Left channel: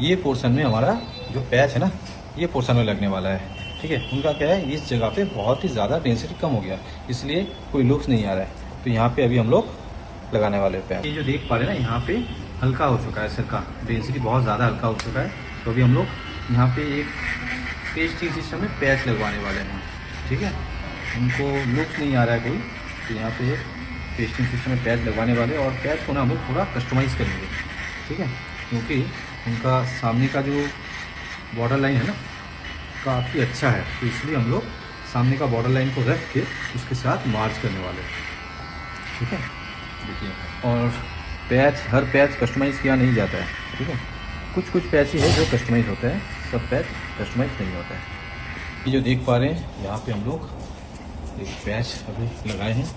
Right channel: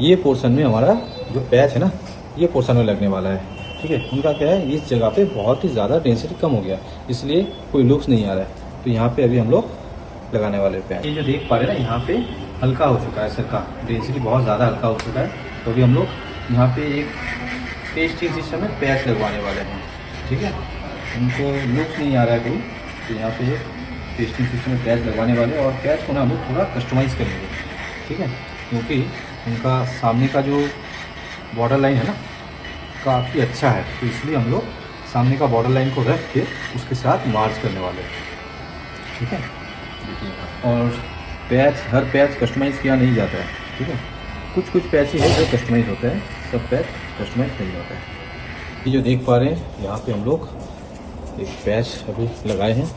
ये पोर्शन में हमारा जो पैच है ना, ये पोर्शन में लगने वाला है। ठीक है, इनका क्या है, इस जगह पे बहुत ही ज़्यादा डेंसिटी कम हो गया, इसलिए कोई लुक्स नहीं आ रहा है। तो यहाँ पे अभी हम लोग लगाने वाले पैच। ये जो देख पा रहे हैं ना, यहाँ पे हल्का हो चुका है, सिरका डेंसिटी बहुत ज़्यादा हल्का हो चुका है। तो अभी हम लोग यहाँ पे एक पेस्टिंग सिस्टम में पैच लगवाने वाले हैं। ठीक है, उनको लुक्स नहीं आ रहा है कहीं, तो यहाँ पे पेस्टिंग सिस्टम में पैच लगवाने वाले और पैच को ना हम लोग थोड़ा कस्टमाइज़ करेंगे। ठीक है, क्योंकि उनका सामने का जो बॉर्डर लाइन है ना, काफ़ी अच्छा है, तो इसलिए हम लोग सामने का बॉर्डर लाइन को रख के उसके साथ मार्च करने वाले हैं। ठीक है, देखिए, और पैच, हर पैच कस्टमाइज़ किया नहीं जाता है। ठीक है, कुछ कुछ पैच ही है जो कस्टमाइज़ होता है, सब पैच कस्टमाइज़ नहीं होता है। ये जो देख पा रहे हैं, यहाँ पे हम लोग एक पैच अभी लगाए हैं,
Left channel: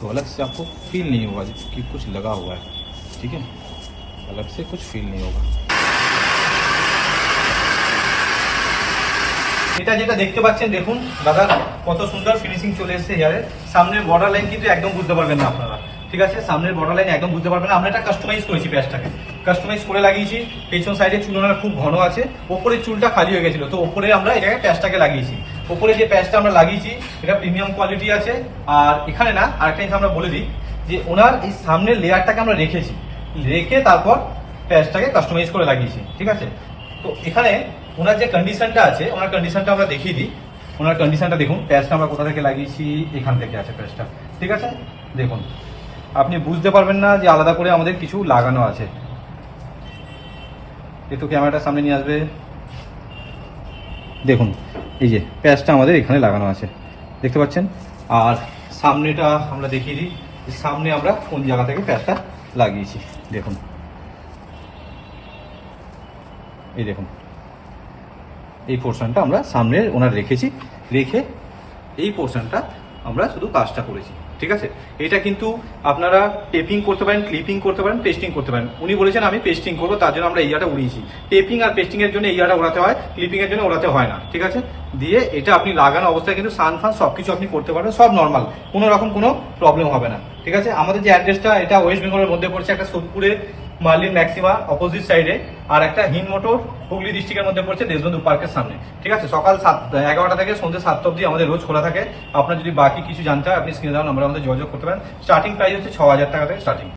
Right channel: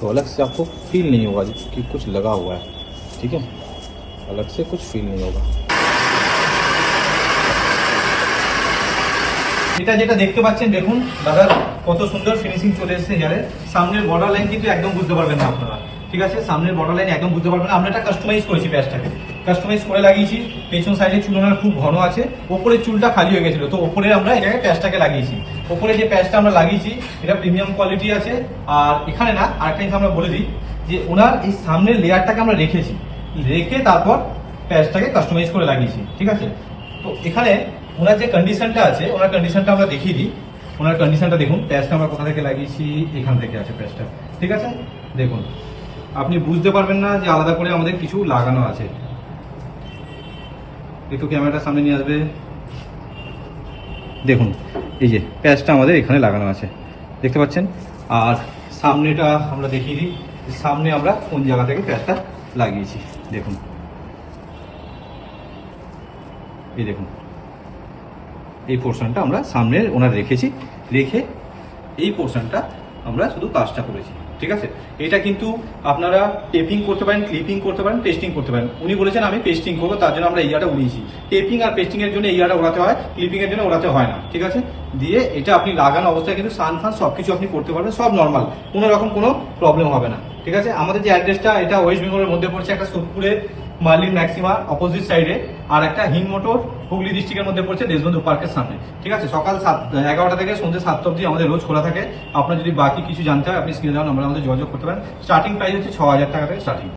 तो अलग से आपको फील नहीं होगा कि कुछ लगा हुआ है। ठीक है, अलग से कुछ फील नहीं होगा। এটা যেটা দেখতে পাচ্ছেন, দেখুন দাদা কত সুন্দর ফিনিশিং চলে এসেছে হেয়ারের। সামনের বর্ডার লাইন কিন্তু একদম বুঝতে পারবেন না আপনারা। ঠিক আছে, সামনের বর্ডার লাইন একদম বুঝতে পারবেন না। আমরা এটা কাস্টমাইজ করেছি, প্যাচটাকে কাস্টমাইজ করে লাগিয়েছি। পেছন সাইডে চুলটা খুব ঘন আছে, ওপরে চুলটা খালি হয়ে গেছিল, তো ওপরে আমরা এই জায়গায় প্যাচটাকে লাগিয়েছি। ওপরে যে প্যাচটা আমরা লাগিয়েছি এটা প্রিমিয়াম কোয়ালিটি আছে। আর এখানে না আরেকটা জিনিস আমরা বলে দিই যে ওনার এই সামনের লেয়ারটাকে আমরা রেখেছি, রেখে তারপর প্যাচটাকে কাস্টমাইজ করে লাগিয়েছি। ঠিক আছে, তো এখানে ওনার যে কন্ডিশনটা আছে, ওনার কন্ডিশনটা আমরা দেখিয়ে দিই। ওনার কন্ডিশনটা দেখুন, প্যাচটা আমরা কোথা থেকে লাগিয়েছি, এখান থেকে আছে প্যাচটা। ঠিক আছে, দেখুন আপনি বুঝতে পারবেন না যে আলাদা করে আমাদের কিছু লাগানো আছে। একটু ক্যামেরাটার সামনে নিয়ে আসবে, দেখুন এই যে প্যাচটা আমাদের এখানে লাগানো আছে, দেখতে পাচ্ছেন। আর সামনেটা আমরা দেখিয়ে দিই, সামনে আমরা কোন জায়গা থেকে প্যাচটা লাগিয়েছি। দেখুন, এই দেখুন এই পোর্শনটা আমরা সামনে ওনার রেখেছি, রেখে এই পোর্শনটা আমরা শুধু কাজটা করেছি। ঠিক আছে, এটা কিন্তু আপনারা টেপিং করতে পারেন, ক্লিপিং করতে পারেন, পেস্টিং করতে পারেন। উনি বলেছেন আমি পেস্টিং করবো, তার জন্য আমরা এইটা উড়িয়েছি। টেপিং আর পেস্টিং এর জন্য এইটা ওড়াতে হয়, ক্লিপিং এর জন্য ওড়াতে হয় না। ঠিক আছে, দিয়ে এটা আপনি লাগানো অবস্থায় কিন্তু সান ফান সবকিছু আপনি করতে পারবেন, সব নর্মাল, কোনো রকম কোনো প্রবলেম হবে না। ঠিক আছে, আমাদের যে অ্যাড্রেসটা, এটা ওয়েস্ট বেঙ্গলের মধ্যে পড়ছে, একটা সোদপুরে মার্লিন ম্যাক্সিমা অপোজিট সাইডে, আর একটা হিম মোটর হুগলি ডিস্ট্রিক্টের মধ্যে পড়ছে দেশবন্ধু পার্কের সামনে। ঠিক আছে, সকাল 11টা থেকে সন্ধ্যে 7টা অবধি আমাদের রোজ খোলা থাকে। আপনার যদি বাকি কিছু জানতে হয়, আপনি স্ক্রিনে দেওয়া নাম্বারে আমাদের যোগাযোগ করতে পারেন। স্টার্টিং প্রাইস হচ্ছে 6,000 টাকা থেকে স্টার্টিং।